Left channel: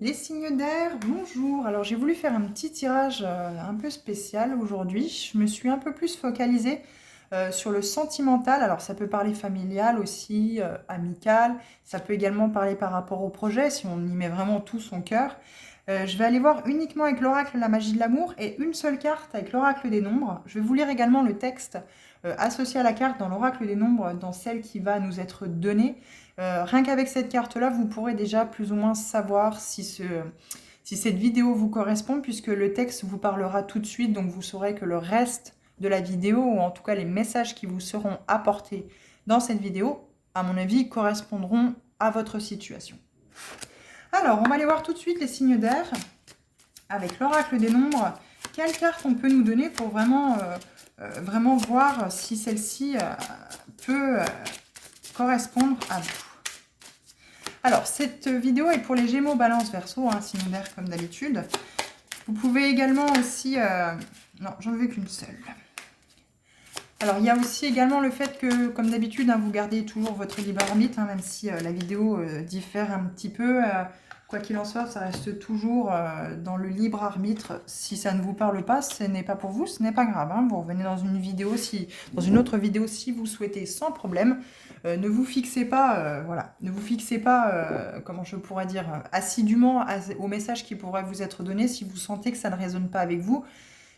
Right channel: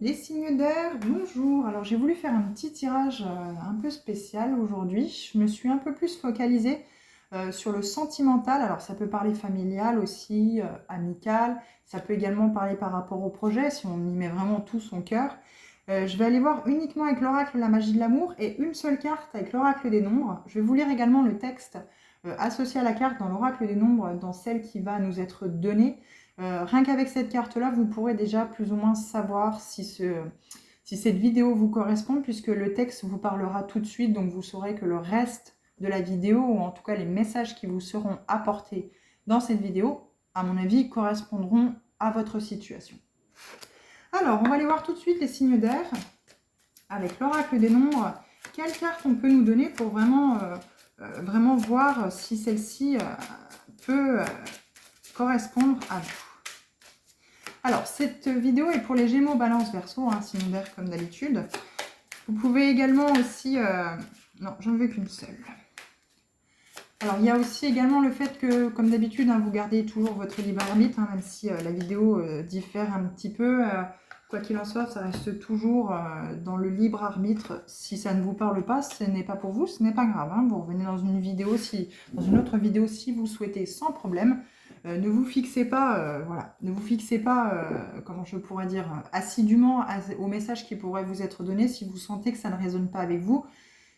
Les signes d'air, bonjour. Alors j'ai voulu faire un petit tirage un peu spécial aujourd'hui. Je me suis un peu plus focalisée sur le sentimental. Alors ça peut parler familial aussi, amical. Ça peut également parler par rapport au projet si on y met vraiment tout son cœur. Je vais aller voir uniquement avec l'oracle la magie de l'amour et une seule carte avec l'oracle des nombres. Je vais vous lire également le texte associé à la carte dans l'oracle des nombres, dans celle qui va nous être donnée. Rien qu'avec cette carte-là, vous pourrez déjà plus ou moins savoir si cette vidéo vous correspond, puisque le texte vous parlera tout de suite, donc vous saurez que le reste de la vidéo, ou en tout cas les messages qui vous seront apportés dans cette vidéo, à mon avis, correspondront à votre situation. Alors, on va aller voir tout de suite les signes d'air, avec l'oracle des nombres. Quelle carte on peut nous donner pour vraiment voir si celle-ci peut correspondre à vous. Alors, cette vidéo est pour les Gémeaux, Balance, Verseau, signe d'air comme d'habitude. Vous pouvez également aussi... non, j'en veux qu'une seule. Alors, il y a aussi également le fait que, comme d'habitude, vous gardez toujours votre libre arbitre, même si la vidéo diffère un petit peu. Quoi qu'il en soit, ça reste toujours dans le libre arbitre. Si ça ne vous parle pas, ce n'est pas pour vous, ce n'est pas grave. Vous revenez dans dans une autre vidéo si vous souhaitez, sans problème. Ne vous fixez pas, ne vous fixez pas, comment je pourrais dire, assidûment aux messages qui pourraient vous être donnés si vous sentez que ça ne résonne pas avec vous.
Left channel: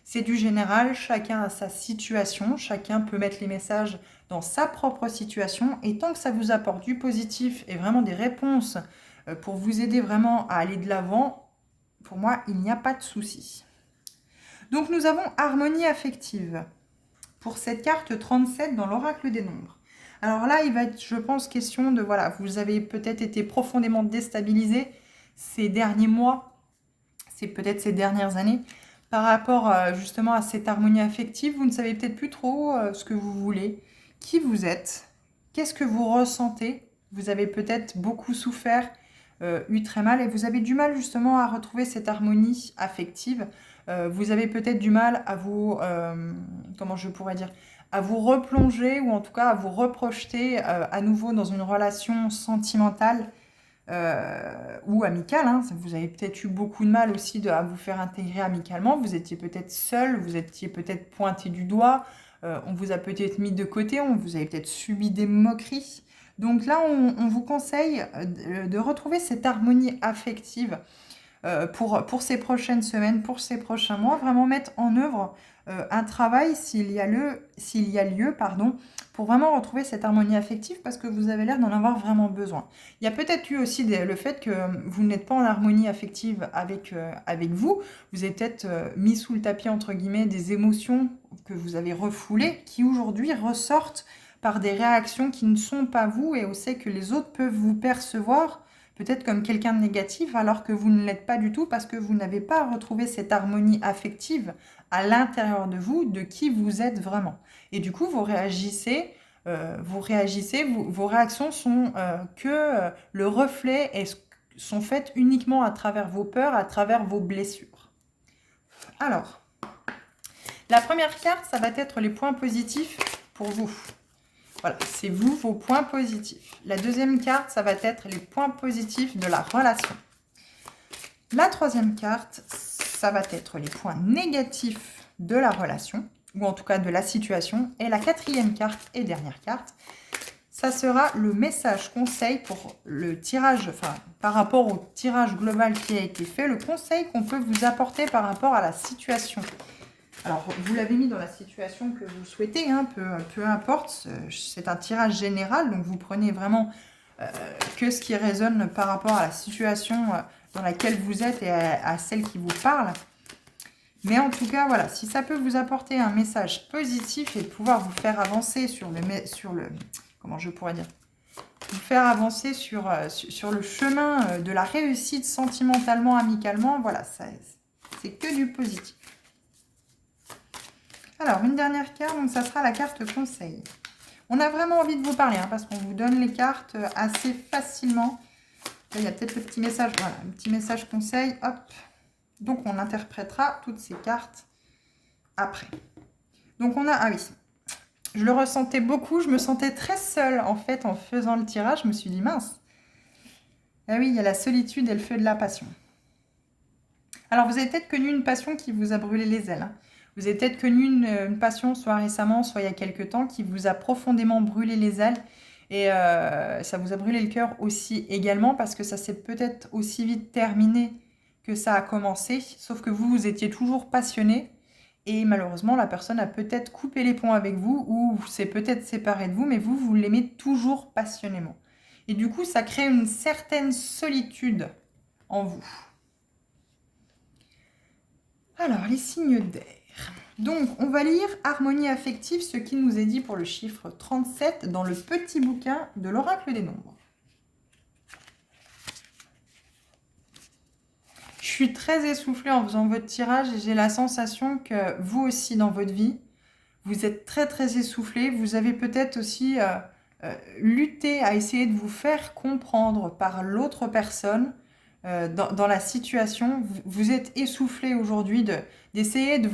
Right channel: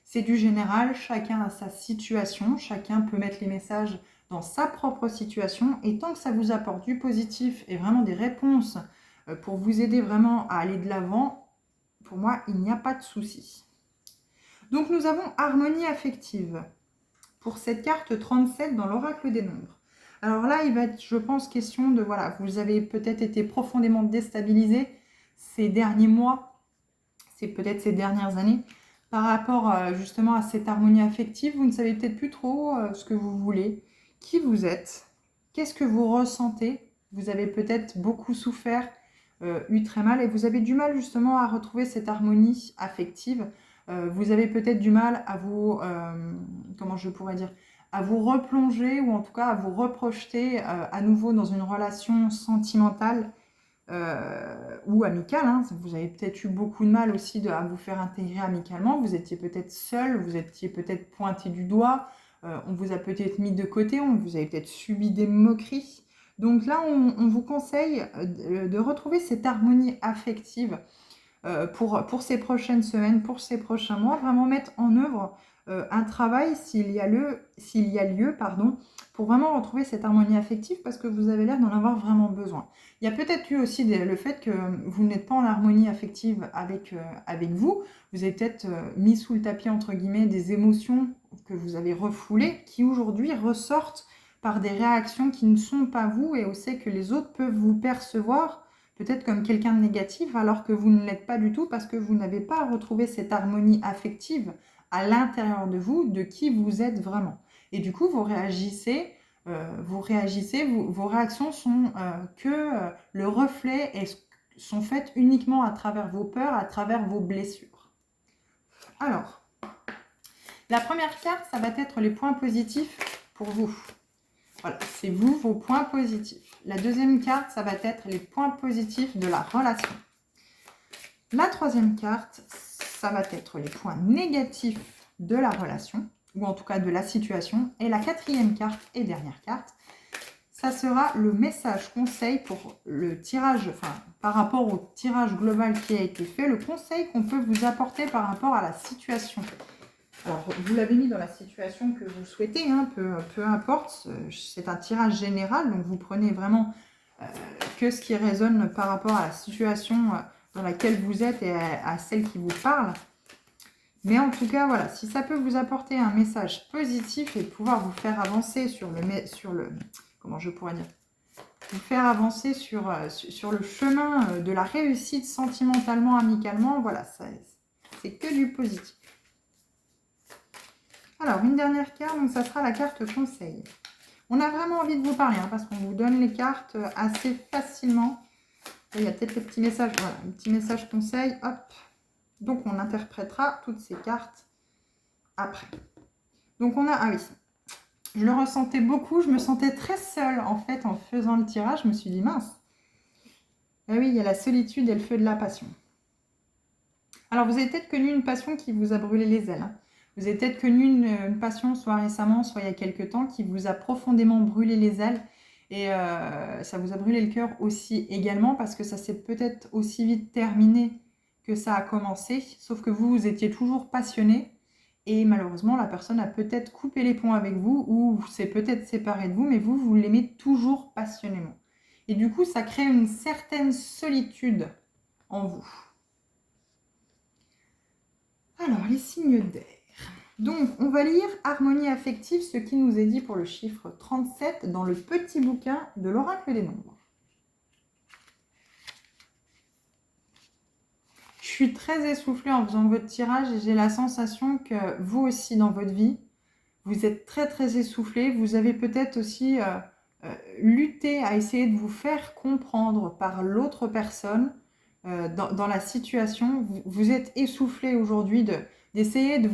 C'est du général, chacun a sa situation, chacun peut mettre les messages dans sa propre situation, et tant que ça vous apporte du positif et vraiment des réponses pour vous aider vraiment à aller de l'avant, pour moi, il n'y a pas de souci. Donc nous avons harmonie affective pour cette carte 37 dans l'oracle des nombres. Alors là, il va être, je pense, question de, voilà, vous avez peut-être été profondément déstabilisé ces derniers mois, c'est peut-être ces dernières années, par rapport justement à cette harmonie affective. Vous ne savez peut-être plus trop ce que vous voulez, qui vous êtes, qu'est-ce que vous ressentez. Vous avez peut-être beaucoup souffert, eu très mal, et vous avez du mal justement à retrouver cette harmonie affective. Vous avez peut-être du mal à vous, comment je pourrais dire, à vous replonger, ou en tout cas à vous reprojeter à nouveau dans une relation sentimentale ou amicale. Vous avez peut-être eu beaucoup de mal aussi à vous faire intégrer amicalement. Vous étiez peut-être seul, vous étiez peut-être pointé du doigt, on vous a peut-être mis de côté, vous avez peut-être subi des moqueries. Donc là, on vous conseille de retrouver cette harmonie affective pour ces prochaines semaines, pour ces prochains mois, vraiment mettre en œuvre un travail s'il y a lieu, pour vraiment retrouver cette harmonie affective, parce que vous avez l'air d'en avoir vraiment besoin. Il y a peut-être eu aussi le fait que vous n'êtes pas en harmonie affective avec vous. Vous avez peut-être mis sous le tapis, entre guillemets, des émotions que vous avez refoulées, qui aujourd'hui ressortent par des réactions qui ne sont pas vous, et on sait que les autres peuvent vous percevoir peut-être comme quelqu'un de négatif, alors que vous ne l'êtes pas du tout, parce que vous n'avez pas retrouvé cette harmonie affective à l'intérieur de vous, de qui vous êtes vraiment. Et du coup, vous réagissez, vos réactions sont le reflet, et sont faites uniquement à travers vos peurs, à travers vos blessures. Alors, la première carte, ça va être les points positifs pour vous. Voilà, c'est vous, vos points positifs. La deuxième carte, ça va être les points positifs de la relation. La troisième carte, ça va être les points négatifs de la relation, ou en tout cas de la situation. Et la quatrième carte et dernière carte, ça sera le message conseil pour le tirage, par rapport au tirage global qui a été fait, le conseil qu'on peut vous apporter par rapport à la situation. Alors, vous l'avez mis dans la situation que vous souhaitez, peu importe, c'est un tirage général, donc vous prenez vraiment que ce qui résonne par rapport à la situation dans laquelle vous êtes et à celle qui vous parle. Mais en tout cas, voilà, si ça peut vous apporter un message positif et pouvoir vous faire avancer comment je pourrais dire, vous faire avancer sur le chemin de la réussite sentimentalement, amicalement, voilà, c'est que du positif. Alors, une dernière carte, donc ça sera la carte conseil. On a vraiment envie de vous parler, parce qu'on vous donne les cartes assez facilement. Là, il y a peut-être le petit message, voilà, le petit message conseil, hop. Donc, on interprétera toutes ces cartes après. Donc, on a, ah oui, je le ressentais beaucoup, je me sentais très seule, en fait, en faisant le tirage. Je me suis dit, mince, Ah oui, il y a la solitude et le feu de la passion. Alors, vous avez peut-être connu une passion qui vous a brûlé les ailes, hein. Vous avez peut-être connu une passion, soit récemment, soit il y a quelque temps, qui vous a profondément brûlé les ailes. Et ça vous a brûlé le cœur aussi également, parce que ça s'est peut-être aussi vite terminé que ça a commencé. Sauf que vous, vous étiez toujours passionné. Et malheureusement, la personne a peut-être coupé les ponts avec vous, ou s'est peut-être séparé de vous, mais vous, vous l'aimez toujours passionnément. Et du coup, ça crée une certaine solitude en vous. Alors, les signes d'air. Donc, on va lire Harmonie affective, ce qui nous est dit pour le chiffre 37 dans le petit bouquin de l'oracle des nombres. Je suis très essoufflée en faisant votre tirage et j'ai la sensation que vous aussi dans votre vie, vous êtes très très essoufflé. Vous avez peut-être aussi lutté à essayer de vous faire comprendre par l'autre personne dans la situation. Vous êtes essoufflé aujourd'hui d'essayer de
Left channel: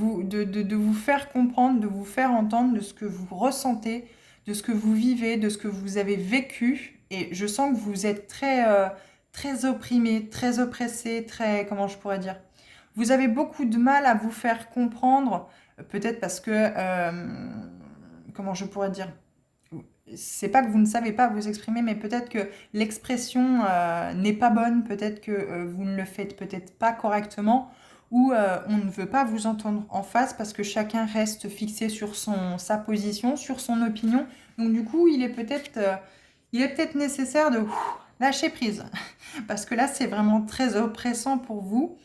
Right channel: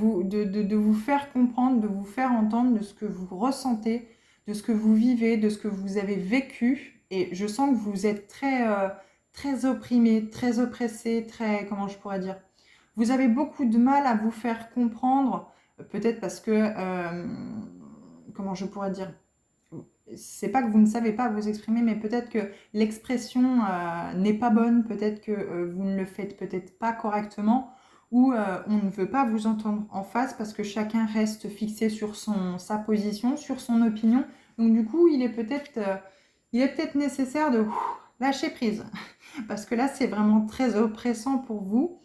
vous faire comprendre, de vous faire entendre de ce que vous ressentez, de ce que vous vivez, de ce que vous avez vécu. Et je sens que vous êtes très opprimé, très oppressé, très, comment je pourrais dire, vous avez beaucoup de mal à vous faire comprendre, peut-être parce que, comment je pourrais dire, c'est pas que vous ne savez pas vous exprimer, mais peut-être que l'expression n'est pas bonne, peut-être que vous ne le faites peut-être pas correctement, ou on ne veut pas vous entendre en face parce que chacun reste fixé sur sa position, sur son opinion. Donc du coup, il est peut-être nécessaire de lâcher prise, parce que là, c'est vraiment très oppressant pour vous.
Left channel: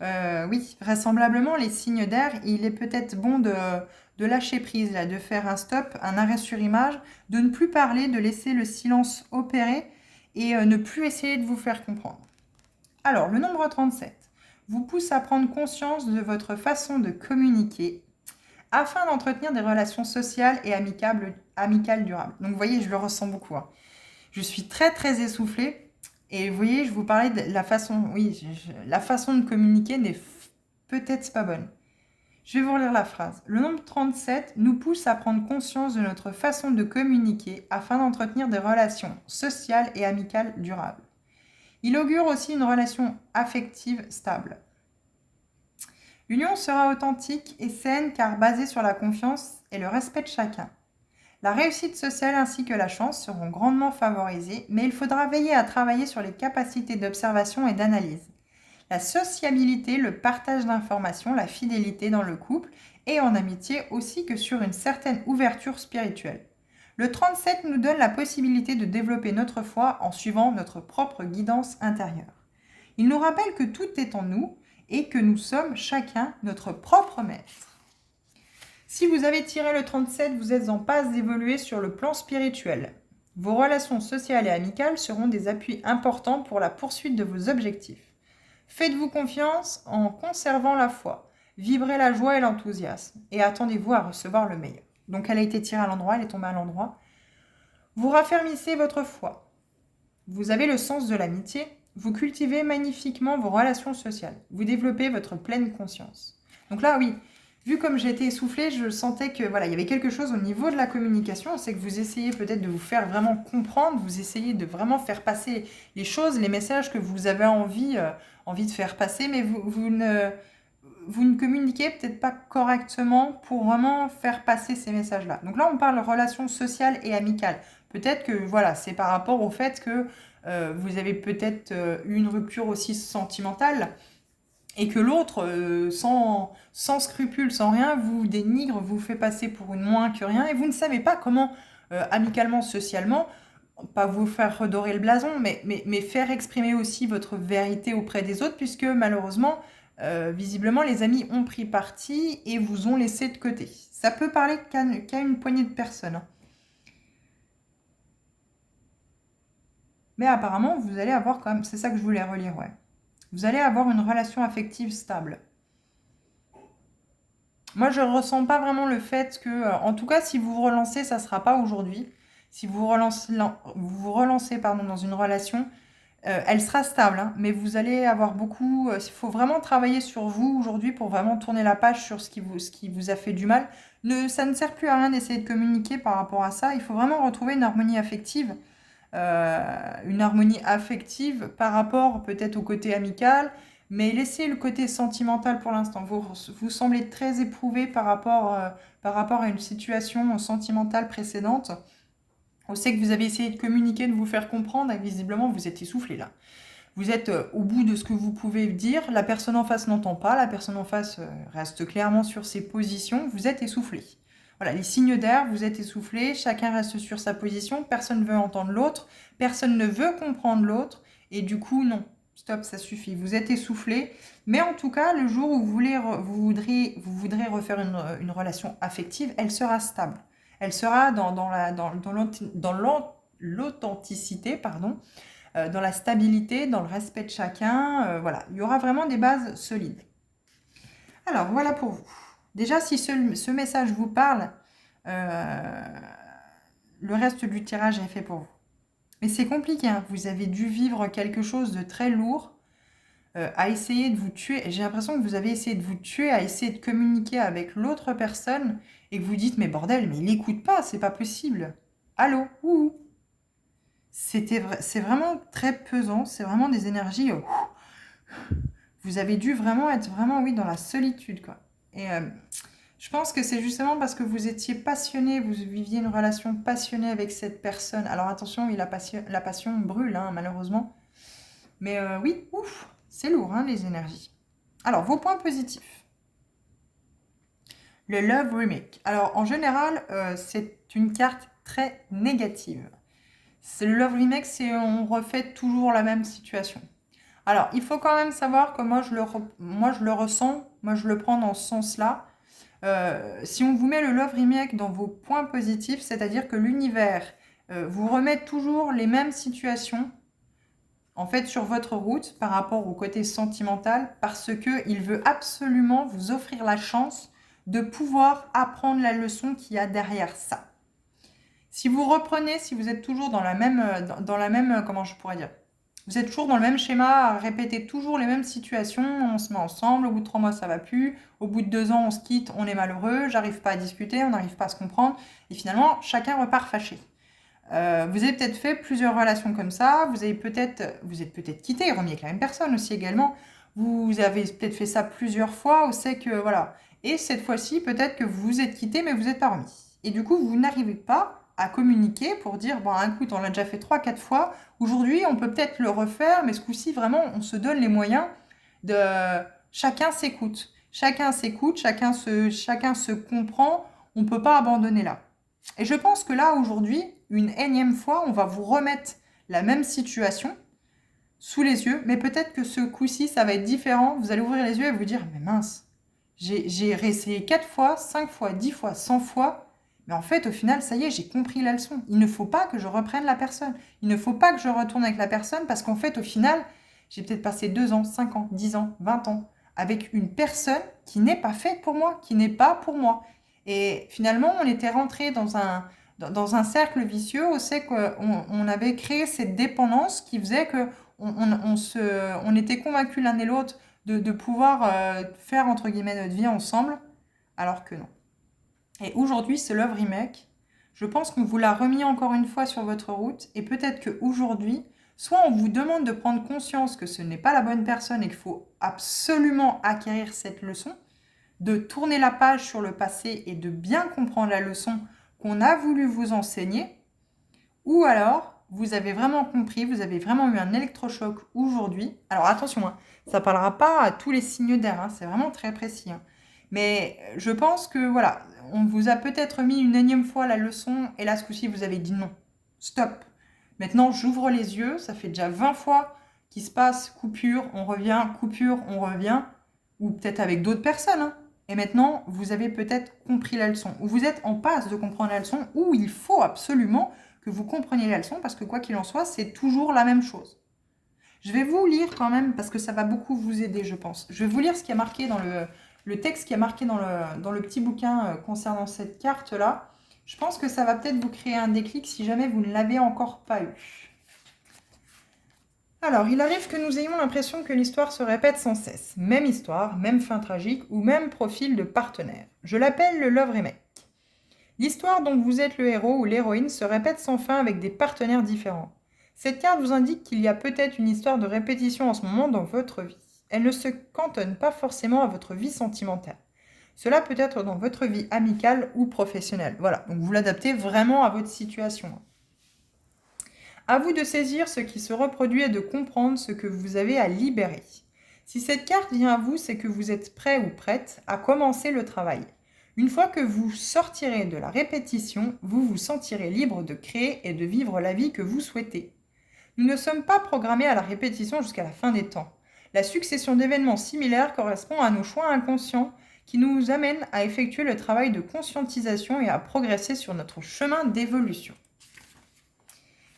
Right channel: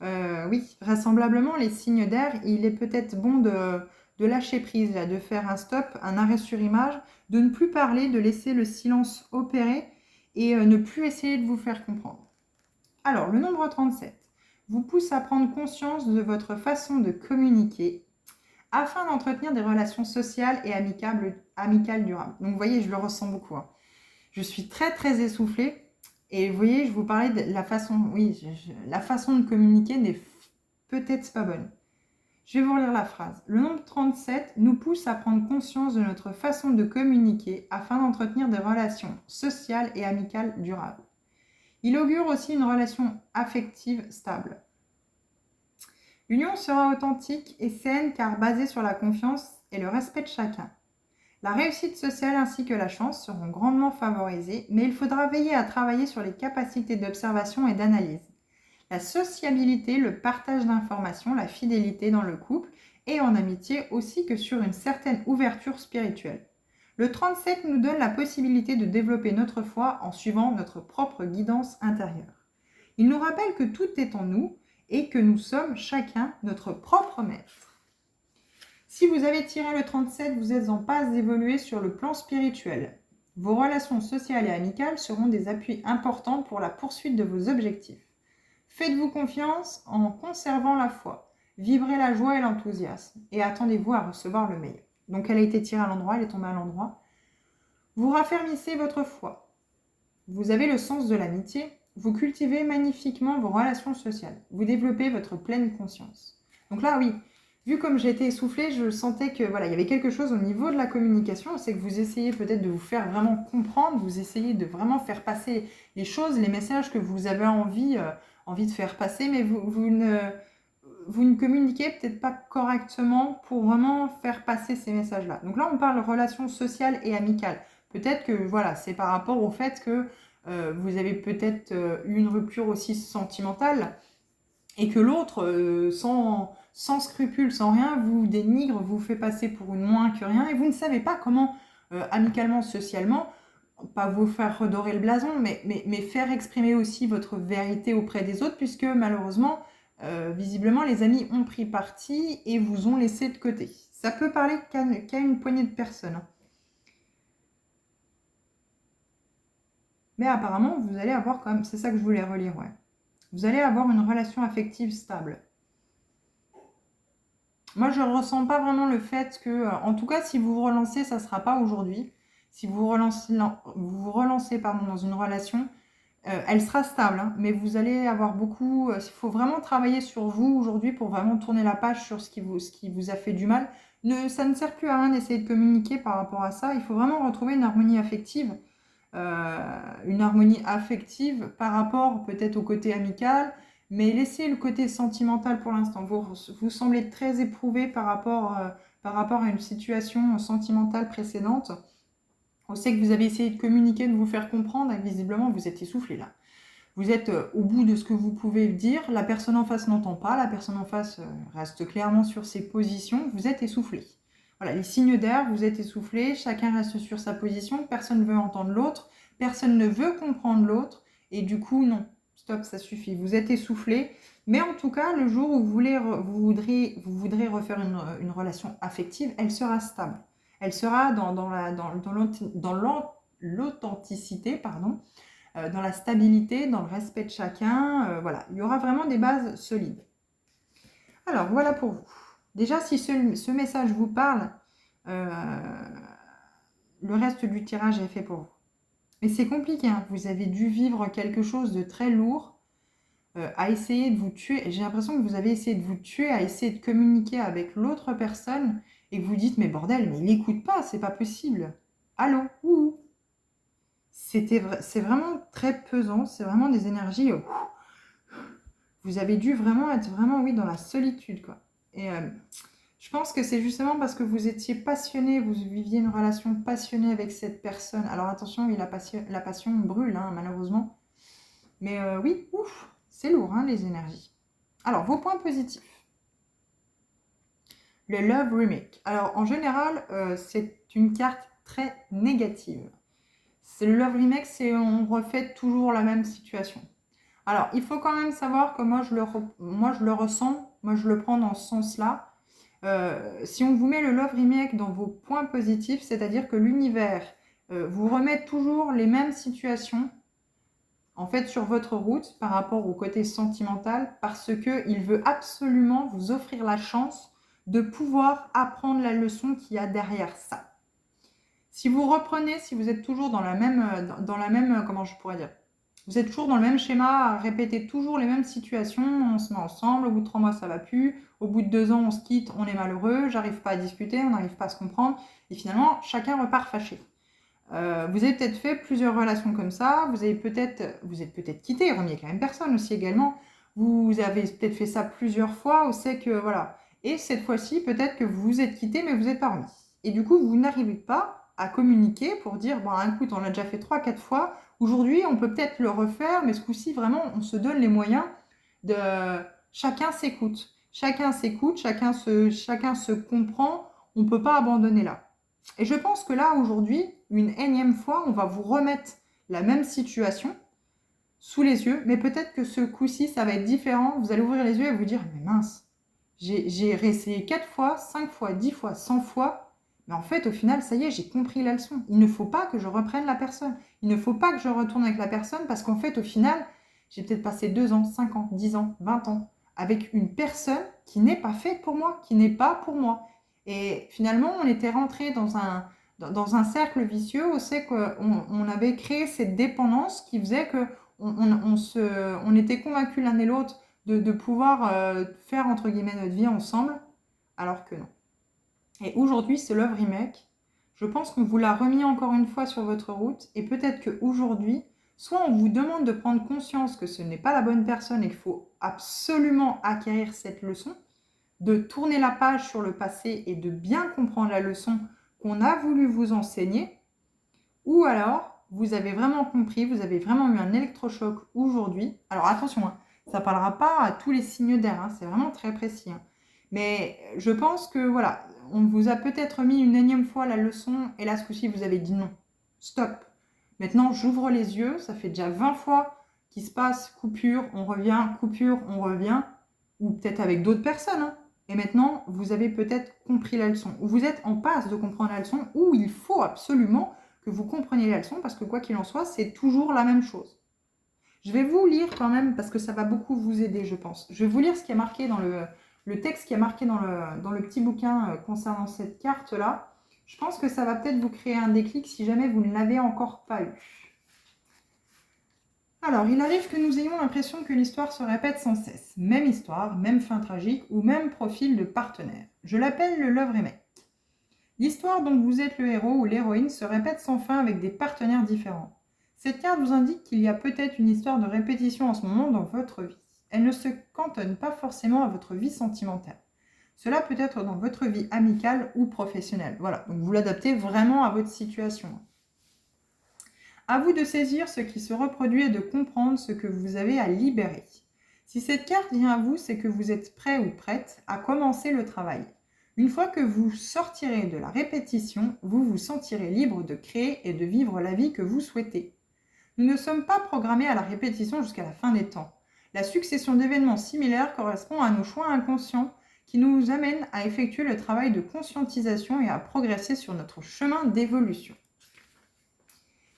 Oui, vraisemblablement, les signes d'air, il est peut-être bon de lâcher prise, là, de faire un stop, un arrêt sur image, de ne plus parler, de laisser le silence opérer et ne plus essayer de vous faire comprendre. Alors, le nombre 37 vous pousse à prendre conscience de votre façon de communiquer afin d'entretenir des relations sociales et amicales durables. Donc, vous voyez, je le ressens beaucoup, hein. Je suis très, très essoufflée. Et vous voyez, je vous parlais de la façon, oui, la façon de communiquer n'est peut-être pas bonne. Je vais vous relire la phrase. Le nombre 37 nous pousse à prendre conscience de notre façon de communiquer afin d'entretenir des relations sociales et amicales durables. Il augure aussi une relation affective stable. L'union sera authentique et saine car basée sur la confiance et le respect de chacun. La réussite sociale ainsi que la chance seront grandement favorisées, mais il faudra veiller à travailler sur les capacités d'observation et d'analyse. La sociabilité, le partage d'informations, la fidélité dans le couple et en amitié aussi que sur une certaine ouverture spirituelle. Le 37 nous donne la possibilité de développer notre foi en suivant notre propre guidance intérieure. Il nous rappelle que tout est en nous et que nous sommes chacun notre propre maître. Si vous avez tiré le 37, vous êtes en passe d'évoluer sur le plan spirituel. Vos relations sociales et amicales seront des appuis importants pour la poursuite de vos objectifs. Faites-vous confiance en conservant la foi. Vibrez la joie et l'enthousiasme et attendez-vous à recevoir le meilleur. Donc elle a été tirée à l'endroit, elle est tombée à l'endroit. Vous raffermissez votre foi. Vous avez le sens de l'amitié. Vous cultivez magnifiquement vos relations sociales. Vous développez votre pleine conscience. Donc là, oui, vu comme j'ai été essoufflée, je sentais que voilà, il y avait quelque chose au niveau de la communication. C'est que vous essayez peut-être de vous faire vraiment comprendre, vous essayez de vraiment faire passer les choses, les messages que vous avez envie de faire passer, mais vous ne communiquez peut-être pas correctement pour vraiment faire passer ces messages-là. Donc là, on parle relations sociales et amicales. Peut-être que voilà, c'est par rapport au fait que vous avez peut-être eu une rupture aussi sentimentale et que l'autre, sans scrupule, sans rien, vous dénigre, vous fait passer pour une moins que rien et vous ne savez pas comment, amicalement, socialement, pas vous faire redorer le blason, mais faire exprimer aussi votre vérité auprès des autres, puisque malheureusement, visiblement, les amis ont pris parti et vous ont laissé de côté. Ça peut parler qu'à une poignée de personnes, hein. Mais apparemment, vous allez avoir quand même, c'est ça que je voulais relire, ouais. Vous allez avoir une relation affective stable. Moi, je ne ressens pas vraiment le fait que, en tout cas, si vous vous relancez, ça ne sera pas aujourd'hui. Si vous vous relancez pardon, dans une relation, elle sera stable, hein, mais vous allez avoir beaucoup. Il faut vraiment travailler sur vous aujourd'hui pour vraiment tourner la page sur ce qui vous a fait du mal. Ça ne sert plus à rien d'essayer de communiquer par rapport à ça. Il faut vraiment retrouver une harmonie affective. une harmonie affective par rapport peut-être au côté amical, mais laissez le côté sentimental pour l'instant. Vous semblez très éprouvé par rapport à une situation sentimentale précédente. On sait que vous avez essayé de communiquer, de vous faire comprendre, et visiblement vous êtes essoufflé là. Vous êtes au bout de ce que vous pouvez dire, la personne en face n'entend pas, la personne en face reste clairement sur ses positions, vous êtes essoufflé. Voilà, les signes d'air, vous êtes essoufflé, chacun reste sur sa position, personne ne veut entendre l'autre, personne ne veut comprendre l'autre, et du coup, non, stop, ça suffit, vous êtes essoufflé. Mais en tout cas, le jour où vous voudrez refaire une relation affective, elle sera stable. Elle sera dans l'authenticité, pardon, dans la stabilité, dans le respect de chacun. Voilà, il y aura vraiment des bases solides. Alors, voilà pour vous. Déjà, si ce message vous parle, le reste du tirage est fait pour vous. Mais c'est compliqué, hein. Vous avez dû vivre quelque chose de très lourd, à essayer de vous tuer. J'ai l'impression que vous avez essayé de vous tuer, à essayer de communiquer avec l'autre personne, et que vous dites, mais bordel, mais il n'écoute pas, c'est pas possible. Allô, ouh. C'est vraiment très pesant, c'est vraiment des énergies. Vous avez dû vraiment être oui, dans la solitude, quoi. Et je pense que c'est justement parce que vous étiez passionné, vous viviez une relation passionnée avec cette personne. Alors attention, oui, la passion brûle, hein, malheureusement. Mais oui, ouf, c'est lourd, hein, les énergies. Alors, vos points positifs. Le Love Remake. Alors, en général, c'est une carte très négative. C'est le Love Remake, c'est on refait toujours la même situation. Alors, il faut quand même savoir que moi, je le ressens, moi, je le prends dans ce sens-là. Si on vous met le Love Remake dans vos points positifs, c'est-à-dire que l'univers vous remet toujours les mêmes situations, en fait, sur votre route par rapport au côté sentimental, parce qu'il veut absolument vous offrir la chance de pouvoir apprendre la leçon qu'il y a derrière ça. Si vous reprenez, si vous êtes toujours dans la même, comment je pourrais dire, vous êtes toujours dans le même schéma, à répéter toujours les mêmes situations, on se met ensemble, au bout de 3 mois ça va plus, au bout de 2 ans on se quitte, on est malheureux, j'arrive pas à discuter, on n'arrive pas à se comprendre, et finalement chacun repart fâché. Vous avez peut-être fait plusieurs relations comme ça, vous êtes peut-être quitté, remis avec la même personne aussi également, vous avez peut-être fait ça plusieurs fois, on sait que voilà, et cette fois-ci peut-être que vous vous êtes quitté mais vous n'êtes pas remis. Et du coup vous n'arrivez pas à communiquer pour dire, bon écoute, on l'a déjà fait 3-4 fois, aujourd'hui on peut peut-être le refaire, mais ce coup-ci vraiment on se donne les moyens de... Chacun s'écoute, chacun se comprend, on ne peut pas abandonner là. Et je pense que là, aujourd'hui, une énième fois, on va vous remettre la même situation sous les yeux, mais peut-être que ce coup-ci, ça va être différent. Vous allez ouvrir les yeux et vous dire, mais mince, j'ai réessayé 4 fois, 5 fois, 10 fois, 100 fois, mais en fait, au final, ça y est, j'ai compris la leçon. Il ne faut pas que je reprenne la personne. Il ne faut pas que je retourne avec la personne parce qu'en fait, au final, j'ai peut-être passé 2 ans, 5 ans, 10 ans, 20 ans avec une personne qui n'est pas faite pour moi, qui n'est pas pour moi. Et finalement, on était rentré dans un cercle vicieux où c'est qu'on avait créé cette dépendance qui faisait qu'on était convaincus l'un et l'autre de pouvoir faire, entre guillemets, notre vie ensemble, alors que non. Et aujourd'hui, ce Love Remake, je pense qu'on vous l'a remis encore une fois sur votre route, et peut-être qu'aujourd'hui, soit on vous demande de prendre conscience que ce n'est pas la bonne personne et qu'il faut absolument acquérir cette leçon, de tourner la page sur le passé et de bien comprendre la leçon qu'on a voulu vous enseigner, ou alors vous avez vraiment compris, vous avez vraiment eu un électrochoc aujourd'hui. Alors attention, hein, ça ne parlera pas à tous les signes d'air, hein, c'est vraiment très précis. Hein. Mais je pense que voilà, on vous a peut-être mis une énième fois la leçon et là ce coup-ci vous avez dit non, stop. Maintenant j'ouvre les yeux, ça fait déjà 20 fois qu'il se passe coupure, on revient, ou peut-être avec d'autres personnes. Hein. Et maintenant, vous avez peut-être compris la leçon, ou vous êtes en passe de comprendre la leçon, ou il faut absolument que vous compreniez la leçon, parce que quoi qu'il en soit, c'est toujours la même chose. Je vais vous lire quand même, parce que ça va beaucoup vous aider, je pense. Je vais vous lire ce qui est marqué dans le texte qui est marqué dans le petit bouquin concernant cette carte-là. Je pense que ça va peut-être vous créer un déclic si jamais vous ne l'avez encore pas eu. Alors, il arrive que nous ayons l'impression que l'histoire se répète sans cesse. Même histoire, même fin tragique ou même profil de partenaire. Je l'appelle le Love Remake. L'histoire dont vous êtes le héros ou l'héroïne se répète sans fin avec des partenaires différents. Cette carte vous indique qu'il y a peut-être une histoire de répétition en ce moment dans votre vie. Elle ne se cantonne pas forcément à votre vie sentimentale. Cela peut être dans votre vie amicale ou professionnelle. Voilà, donc vous l'adaptez vraiment à votre situation. À vous de saisir ce qui se reproduit et de comprendre ce que vous avez à libérer. Si cette carte vient à vous, c'est que vous êtes prêt ou prête à commencer le travail. Une fois que vous sortirez de la répétition, vous vous sentirez libre de créer et de vivre la vie que vous souhaitez. Nous ne sommes pas programmés à la répétition jusqu'à la fin des temps. La succession d'événements similaires correspond à nos choix inconscients qui nous amènent à effectuer le travail de conscientisation et à progresser sur notre chemin d'évolution.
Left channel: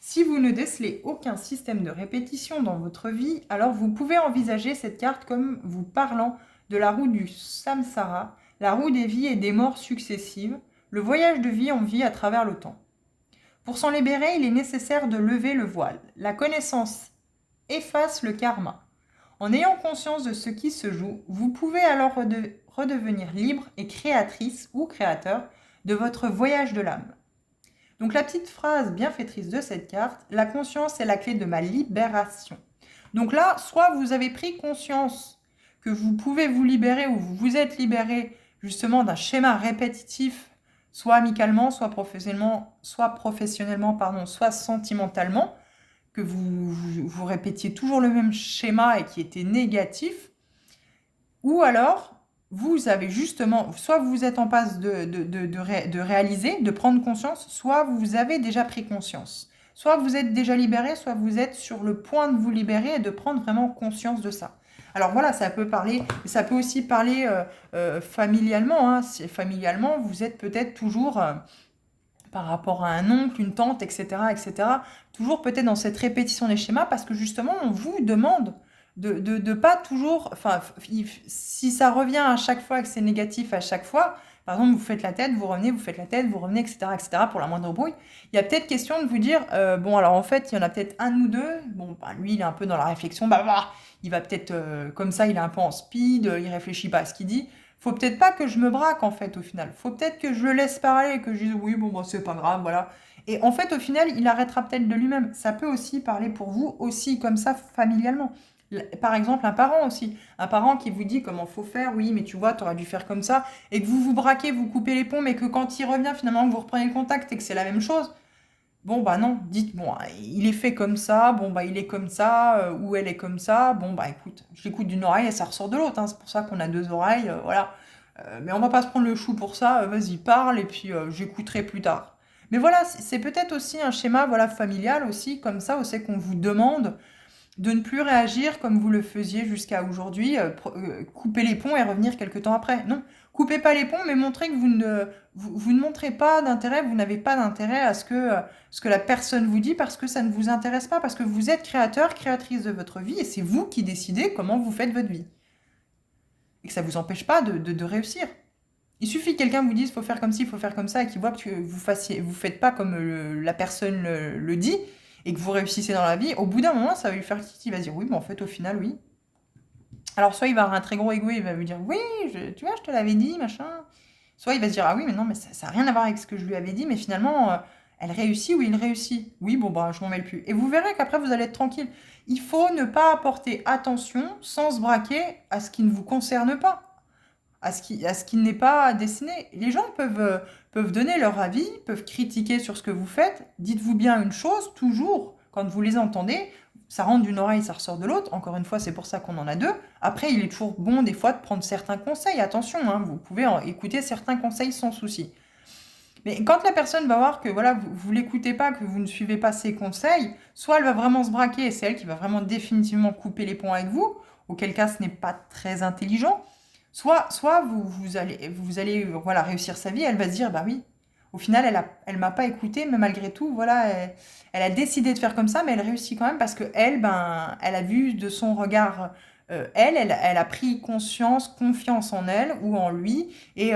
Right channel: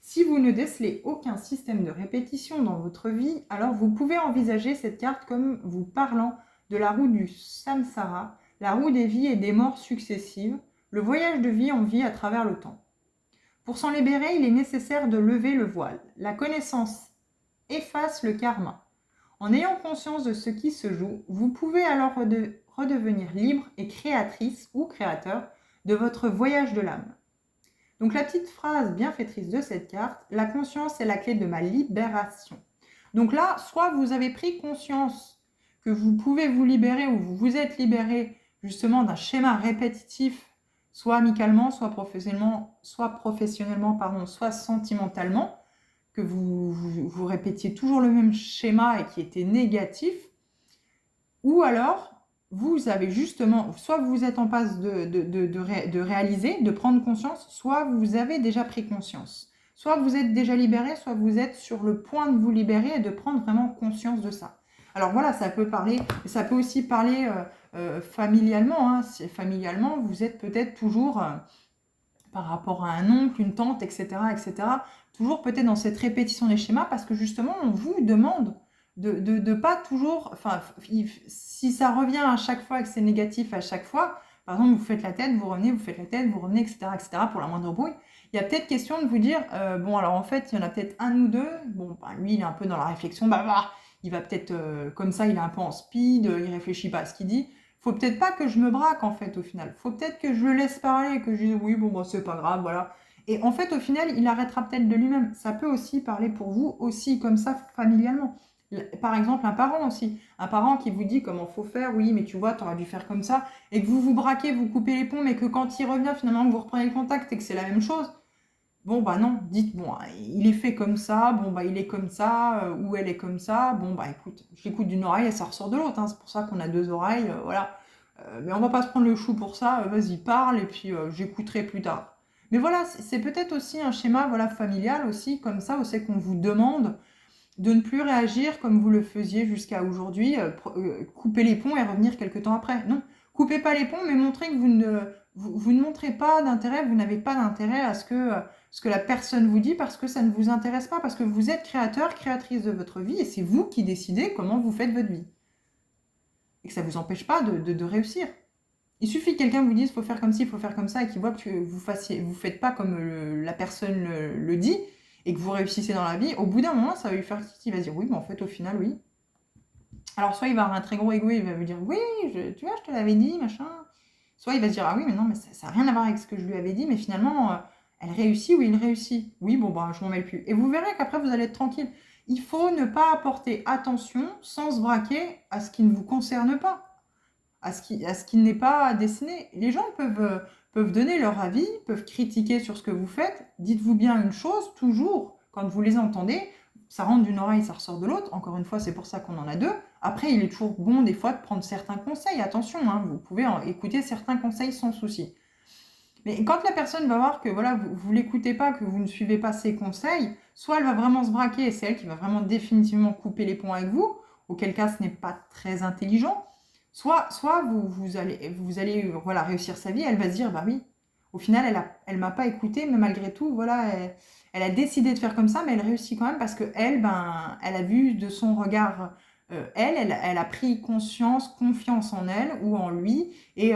Si vous ne décelez aucun système de répétition dans votre vie, alors vous pouvez envisager cette carte comme vous parlant de la roue du samsara, la roue des vies et des morts successives, le voyage de vie en vie à travers le temps. Pour s'en libérer, il est nécessaire de lever le voile. La connaissance efface le karma. En ayant conscience de ce qui se joue, vous pouvez alors redevenir libre et créatrice ou créateur de votre voyage de l'âme. Donc la petite phrase bienfaitrice de cette carte, la conscience est la clé de ma libération. Donc là, soit vous avez pris conscience que vous pouvez vous libérer ou vous vous êtes libéré justement d'un schéma répétitif, soit amicalement, soit professionnellement, soit sentimentalement, que vous répétiez toujours le même schéma et qui était négatif, ou alors vous avez justement, soit vous êtes en passe de réaliser, de prendre conscience, soit vous avez déjà pris conscience. Soit vous êtes déjà libéré, soit vous êtes sur le point de vous libérer et de prendre vraiment conscience de ça. Alors voilà, ça peut aussi parler familialement. Hein. Familialement, vous êtes peut-être toujours, par rapport à un oncle, une tante, etc., toujours peut-être dans cette répétition des schémas parce que justement, on vous demande de pas toujours, enfin, si ça revient à chaque fois et que c'est négatif à chaque fois, par exemple, vous faites la tête, vous revenez, vous faites la tête, vous revenez, etc., pour la moindre bruit, il y a peut-être question de vous dire, bon, alors en fait, il y en a peut-être un ou deux, bon, bah, lui, il est un peu dans la réflexion, il va peut-être, comme ça, il est un peu en speed, il réfléchit pas à ce qu'il dit, faut peut-être pas que je me braque en fait au final. Faut peut-être que je le laisse parler et que je dise oui, bon, bah, c'est pas grave, voilà. Et en fait, au final, il arrêtera peut-être de lui-même. Ça peut aussi parler pour vous, aussi comme ça, familialement. Par exemple, un parent aussi. Un parent qui vous dit comment faut faire, oui, mais tu vois, tu aurais dû faire comme ça, et que vous vous braquez, vous coupez les ponts, mais que quand il revient, finalement, que vous reprenez le contact et que c'est la même chose, bon, bah non, dites, bon, il est fait comme ça, bon, bah il est comme ça, ou elle est comme ça, bon, bah écoute, je l'écoute d'une oreille et ça ressort de l'autre, hein, c'est pour ça qu'on a deux oreilles, voilà. Mais on va pas se prendre le chou pour ça, vas-y, parle, et puis j'écouterai plus tard. Mais voilà, c'est peut-être aussi un schéma voilà, familial aussi, comme ça, c'est qu'on vous demande de ne plus réagir comme vous le faisiez jusqu'à aujourd'hui, couper les ponts et revenir quelques temps après. Non, coupez pas les ponts, mais montrez que vous ne montrez pas d'intérêt, vous n'avez pas d'intérêt à ce que la personne vous dit parce que ça ne vous intéresse pas, parce que vous êtes créateur, créatrice de votre vie et c'est vous qui décidez comment vous faites votre vie. Et que ça ne vous empêche pas de réussir. Il suffit que quelqu'un vous dise faut faire comme ci, il faut faire comme ça, et qu'il voit que vous faites pas comme la personne le dit, et que vous réussissez dans la vie, au bout d'un moment, ça va lui faire tilt, il va se dire oui, mais en fait, au final, oui. Alors, soit il va avoir un très gros ego, il va vous dire oui, tu vois, je te l'avais dit, machin. Soit il va se dire ah oui, mais non, mais ça n'a rien à voir avec ce que je lui avais dit, mais finalement, elle réussit ou il réussit. Oui, bon, bah, je m'en mêle plus. Et vous verrez qu'après, vous allez être tranquille. Il faut ne pas apporter attention sans se braquer à ce qui ne vous concerne pas, à ce qui n'est pas destiné. Les gens peuvent donner leur avis, peuvent critiquer sur ce que vous faites. Dites-vous bien une chose, toujours, quand vous les entendez, ça rentre d'une oreille, ça ressort de l'autre. Encore une fois, c'est pour ça qu'on en a deux. Après, il est toujours bon, des fois, de prendre certains conseils. Attention, hein, vous pouvez écouter certains conseils sans souci. Mais quand la personne va voir que voilà, vous ne l'écoutez pas, que vous ne suivez pas ses conseils, soit elle va vraiment se braquer et c'est elle qui va vraiment définitivement couper les ponts avec vous, auquel cas ce n'est pas très intelligent, soit vous allez voilà, réussir sa vie, elle va se dire, bah oui, au final, elle m'a pas écouté, mais malgré tout, voilà, elle a décidé de faire comme ça, mais elle réussit quand même parce que elle a vu de son regard, elle a pris conscience, confiance en elle ou en lui, et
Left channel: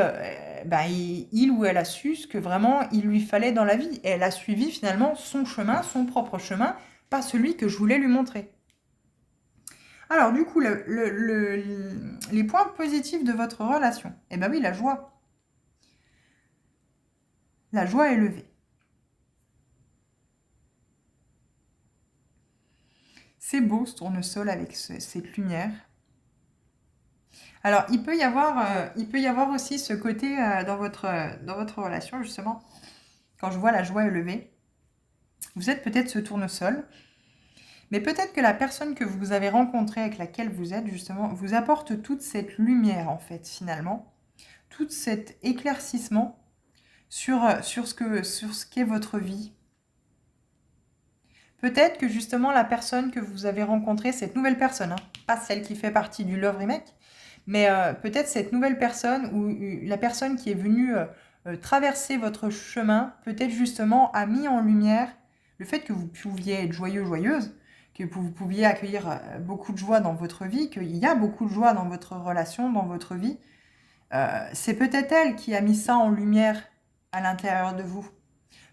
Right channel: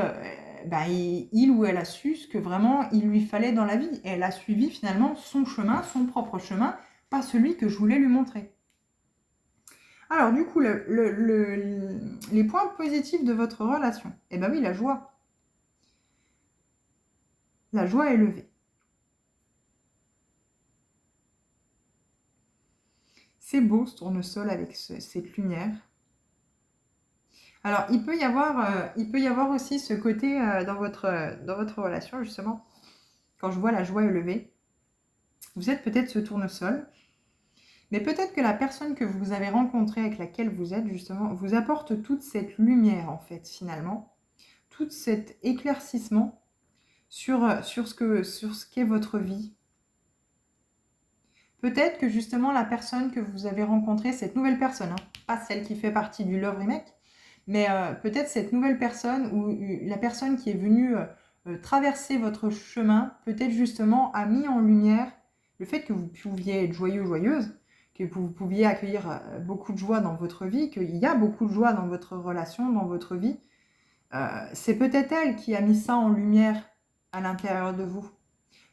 bah, il ou elle a su ce que vraiment il lui fallait dans la vie. Et elle a suivi finalement son chemin, son propre chemin, pas celui que je voulais lui montrer. Alors du coup, les points positifs de votre relation. Eh bien oui, la joie. La joie élevée. C'est beau ce tournesol avec cette lumière. Alors, il peut y avoir aussi ce côté dans votre relation, justement, quand je vois la joie élevée. Vous êtes peut-être ce tournesol, mais peut-être que la personne que vous avez rencontrée, avec laquelle vous êtes, justement, vous apporte toute cette lumière, en fait, finalement, tout cet éclaircissement sur ce qu'est votre vie. Peut-être que justement la personne que vous avez rencontrée, cette nouvelle personne, hein, pas celle qui fait partie du Love Remake, mais peut-être cette nouvelle personne ou la personne qui est venue traverser votre chemin, peut-être justement a mis en lumière le fait que vous pouviez être joyeux, joyeuse, que vous pouviez accueillir beaucoup de joie dans votre vie, qu'il y a beaucoup de joie dans votre relation, dans votre vie. C'est peut-être elle qui a mis ça en lumière à l'intérieur de vous.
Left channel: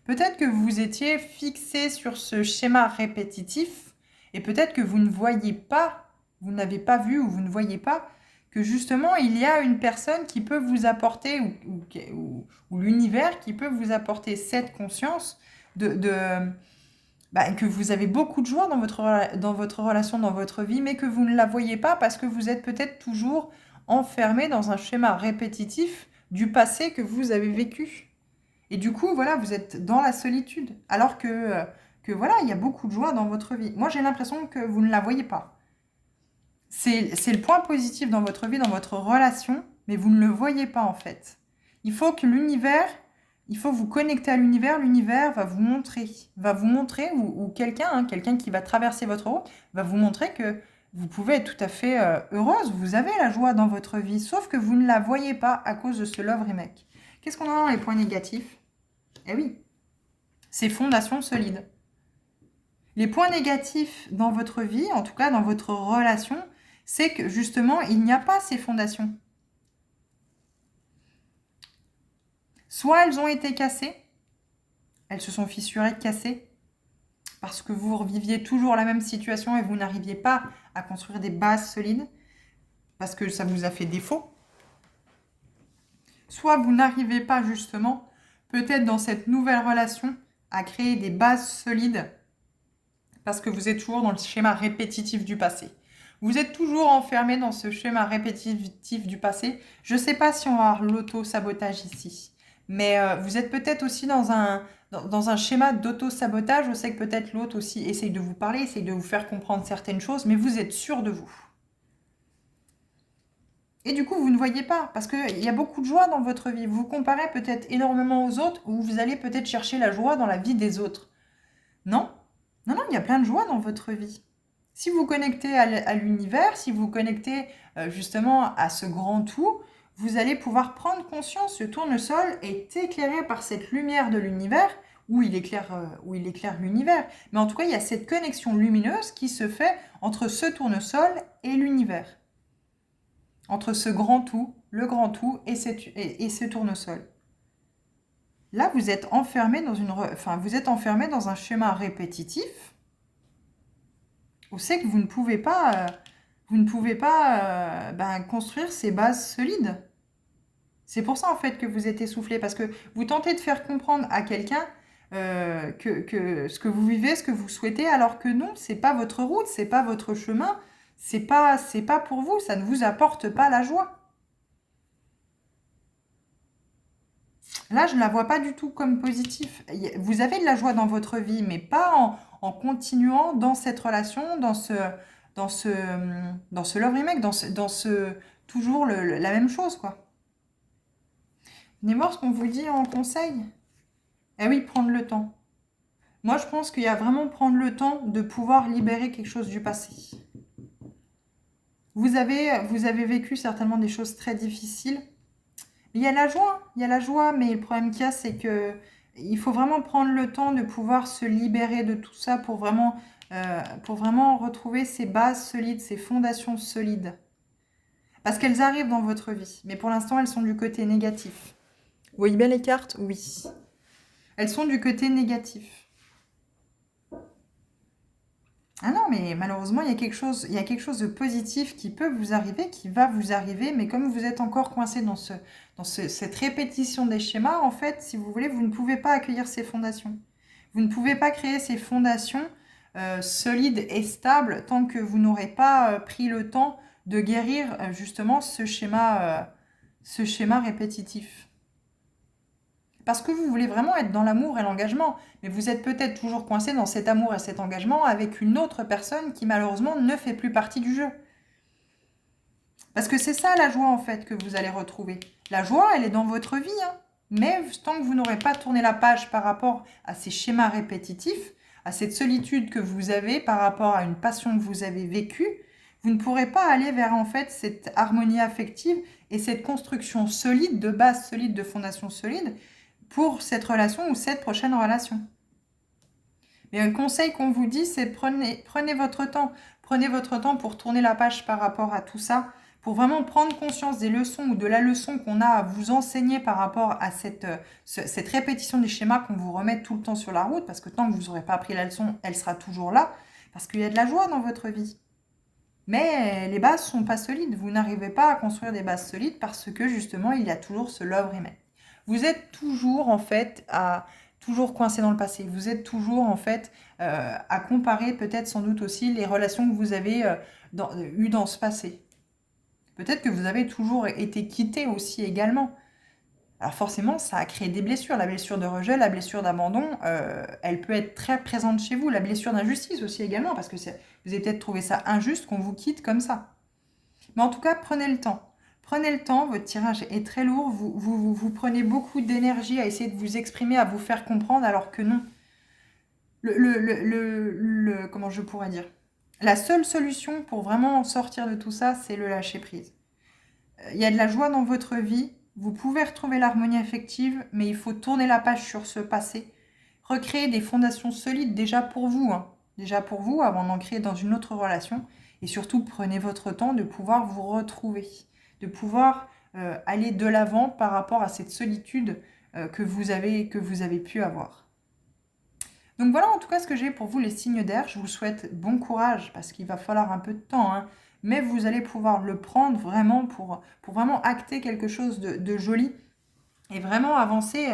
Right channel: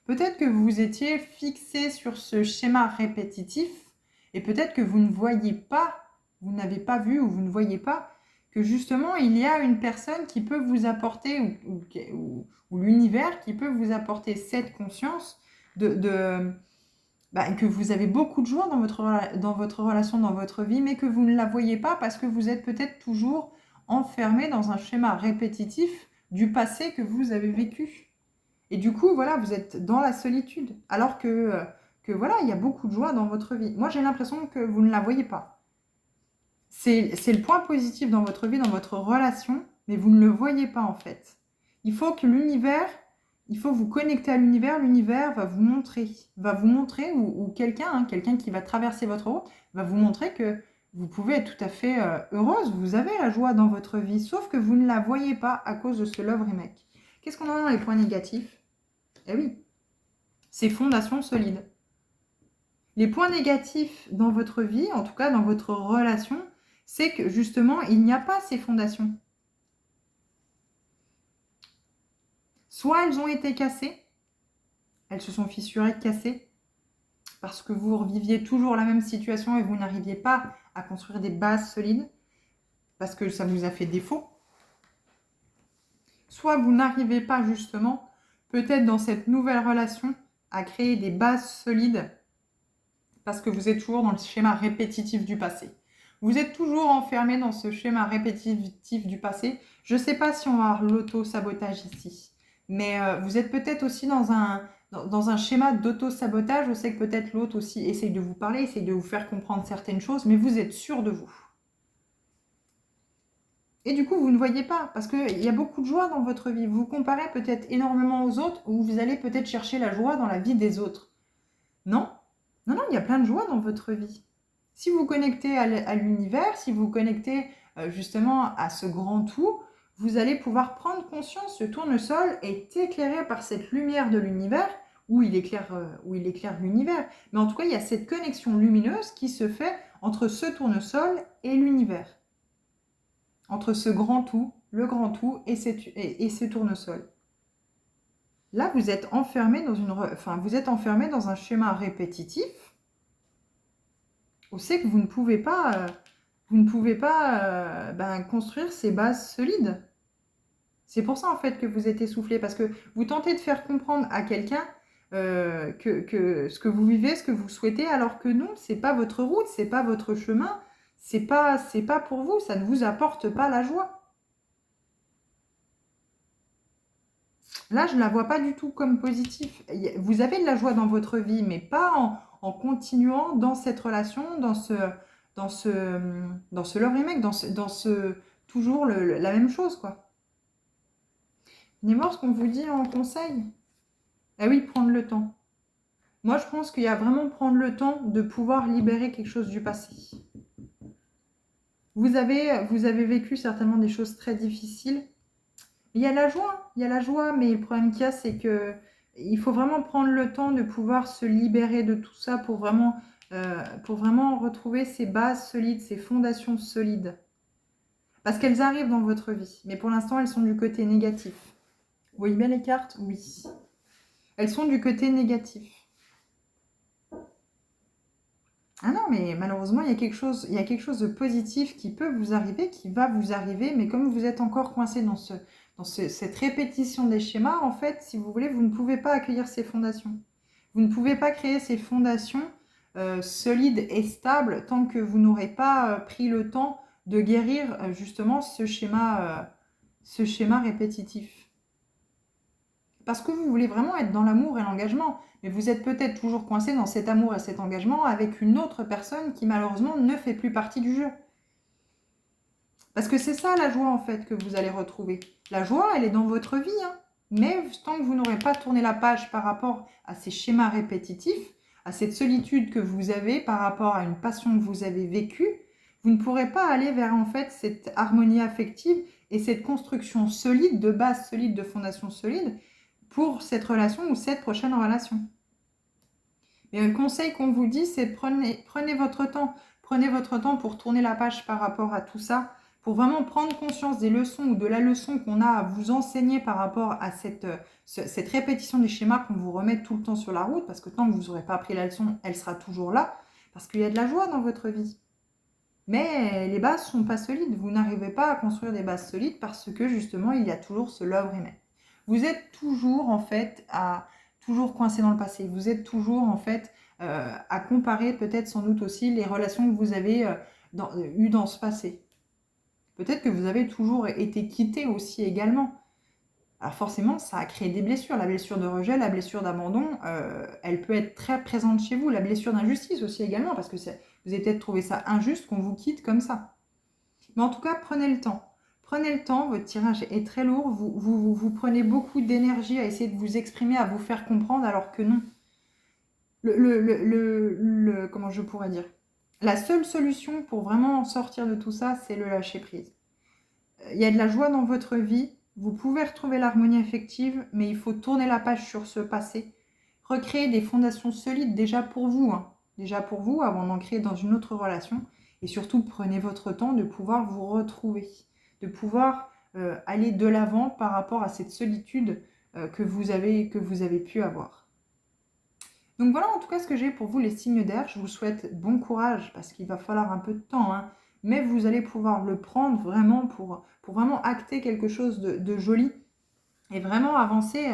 Peut-être que vous étiez fixé sur ce schéma répétitif et peut-être que vous ne voyez pas, vous n'avez pas vu ou vous ne voyez pas que justement il y a une personne qui peut vous apporter ou l'univers qui peut vous apporter cette conscience que vous avez beaucoup de joie dans votre relation, dans votre vie, mais que vous ne la voyez pas parce que vous êtes peut-être toujours enfermé dans un schéma répétitif du passé que vous avez vécu. Et du coup, voilà, vous êtes dans la solitude, alors que voilà, il y a beaucoup de joie dans votre vie. Moi, j'ai l'impression que vous ne la voyez pas. C'est le point positif dans votre vie, dans votre relation, mais vous ne le voyez pas en fait. Il faut que l'univers, il faut vous connecter à l'univers, l'univers va vous montrer, ou quelqu'un, hein, quelqu'un qui va traverser votre route, va vous montrer que vous pouvez être tout à fait heureuse, vous avez la joie dans votre vie, sauf que vous ne la voyez pas à cause de ce Love Remake. Qu'est-ce qu'on a dans les points négatifs? Eh oui, c'est fondations solides. Les points négatifs dans votre vie, en tout cas dans votre relation, c'est que justement, il n'y a pas ces fondations. Soit elles ont été cassées, elles se sont fissurées, cassées, parce que vous reviviez toujours la même situation et vous n'arriviez pas à construire des bases solides, parce que ça vous a fait défaut. Soit vous n'arrivez pas justement, peut-être dans cette nouvelle relation, à créer des bases solides, parce que vous êtes toujours dans le schéma répétitif du passé. Vous êtes toujours enfermé dans ce schéma répétitif du passé. Je ne sais pas si on va avoir l'auto-sabotage ici, mais vous êtes peut-être aussi dans un schéma d'auto-sabotage. Je sais que peut-être l'autre aussi essaye de vous parler, essaye de vous faire comprendre certaines choses, mais vous êtes sûr de vous. Et du coup, vous ne voyez pas, parce qu'il y a beaucoup de joie dans votre vie. Vous vous comparez peut-être énormément aux autres, ou vous allez peut-être chercher la joie dans la vie des autres. Non, non, non, il y a plein de joie dans votre vie. Si vous connectez à l'univers, si vous connectez justement à ce grand tout, vous allez pouvoir prendre conscience, ce tournesol est éclairé par cette lumière de l'univers, où il éclaire l'univers. Mais en tout cas, il y a cette connexion lumineuse qui se fait entre ce tournesol et l'univers. Entre ce grand tout, le grand tout et ce tournesol. Là, vous êtes enfermé dans un schéma répétitif. Vous savez que vous ne pouvez pas construire ces bases solides. C'est pour ça en fait que vous êtes essoufflé, parce que vous tentez de faire comprendre à quelqu'un que ce que vous vivez, ce que vous souhaitez, alors que non, c'est pas votre route, c'est pas votre chemin, c'est pas pour vous, ça ne vous apporte pas la joie. Là, je ne la vois pas du tout comme positif. Vous avez de la joie dans votre vie, mais pas en continuant dans cette relation, dans ce love remake, toujours la même chose, quoi. Venez voir ce qu'on vous dit en conseil. Eh oui, prendre le temps. Moi, je pense qu'il y a vraiment prendre le temps de pouvoir libérer quelque chose du passé. Vous avez vécu certainement des choses très difficiles. Il y a la joie, mais le problème qu'il y a, c'est que il faut vraiment prendre le temps de pouvoir se libérer de tout ça pour vraiment retrouver ces bases solides, ces fondations solides. Parce qu'elles arrivent dans votre vie, mais pour l'instant, elles sont du côté négatif. Vous voyez bien les cartes? Oui. Elles sont du côté négatif. Ah non, mais malheureusement, il y a quelque chose de positif qui peut vous arriver, qui va vous arriver, mais comme vous êtes encore coincé dans cette répétition des schémas, en fait, si vous voulez, vous ne pouvez pas accueillir ces fondations. Vous ne pouvez pas créer ces fondations solide et stable tant que vous n'aurez pas pris le temps de guérir justement ce schéma répétitif. Parce que vous voulez vraiment être dans l'amour et l'engagement, mais vous êtes peut-être toujours coincé dans cet amour et cet engagement avec une autre personne qui malheureusement ne fait plus partie du jeu. Parce que c'est ça la joie en fait que vous allez retrouver. La joie, elle est dans votre vie, hein. Mais tant que vous n'aurez pas tourné la page par rapport à ces schémas répétitifs, à cette solitude que vous avez par rapport à une passion que vous avez vécue, vous ne pourrez pas aller vers en fait cette harmonie affective et cette construction solide, de base solide, de fondation solide pour cette relation ou cette prochaine relation. Mais le conseil qu'on vous dit, c'est prenez votre temps. Prenez votre temps pour tourner la page par rapport à tout ça, pour vraiment prendre conscience des leçons ou de la leçon qu'on a à vous enseigner par rapport à cette répétition des schémas qu'on vous remet tout le temps sur la route, parce que tant que vous n'aurez pas appris la leçon, elle sera toujours là, parce qu'il y a de la joie dans votre vie. Mais les bases ne sont pas solides. Vous n'arrivez pas à construire des bases solides parce que justement, il y a toujours ce love remain. Vous êtes toujours en fait toujours coincé dans le passé. Vous êtes toujours en fait à comparer peut-être sans doute aussi les relations que vous avez eues dans ce passé. Peut-être que vous avez toujours été quitté aussi également. Alors forcément, ça a créé des blessures. La blessure de rejet, la blessure d'abandon, elle peut être très présente chez vous. La blessure d'injustice aussi également, parce que vous avez peut-être trouvé ça injuste qu'on vous quitte comme ça. Mais en tout cas, prenez le temps. Prenez le temps, votre tirage est très lourd. Vous prenez beaucoup d'énergie à essayer de vous exprimer, à vous faire comprendre, alors que non. Comment je pourrais dire? La seule solution pour vraiment sortir de tout ça, c'est le lâcher prise. Il y a de la joie dans votre vie. Vous pouvez retrouver l'harmonie affective, mais il faut tourner la page sur ce passé. Recréer des fondations solides déjà pour vous, hein. Déjà pour vous, avant d'en créer dans une autre relation. Et surtout, prenez votre temps de pouvoir vous retrouver, de pouvoir aller de l'avant par rapport à cette solitude que vous avez pu avoir. Donc voilà en tout cas ce que j'ai pour vous les signes d'air. Je vous souhaite bon courage parce qu'il va falloir un peu de temps, hein, mais vous allez pouvoir le prendre vraiment pour vraiment acter quelque chose de joli et vraiment avancer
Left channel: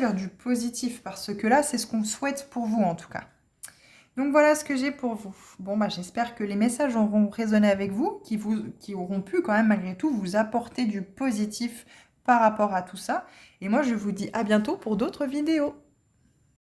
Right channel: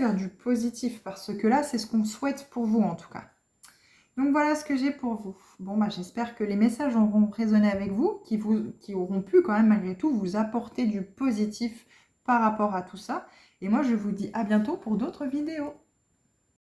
vers du positif parce que là c'est ce qu'on souhaite pour vous en tout cas. Donc voilà ce que j'ai pour vous. Bon, j'espère que les messages auront résonné avec vous, qui auront pu quand même malgré tout vous apporter du positif par rapport à tout ça. Et moi je vous dis à bientôt pour d'autres vidéos.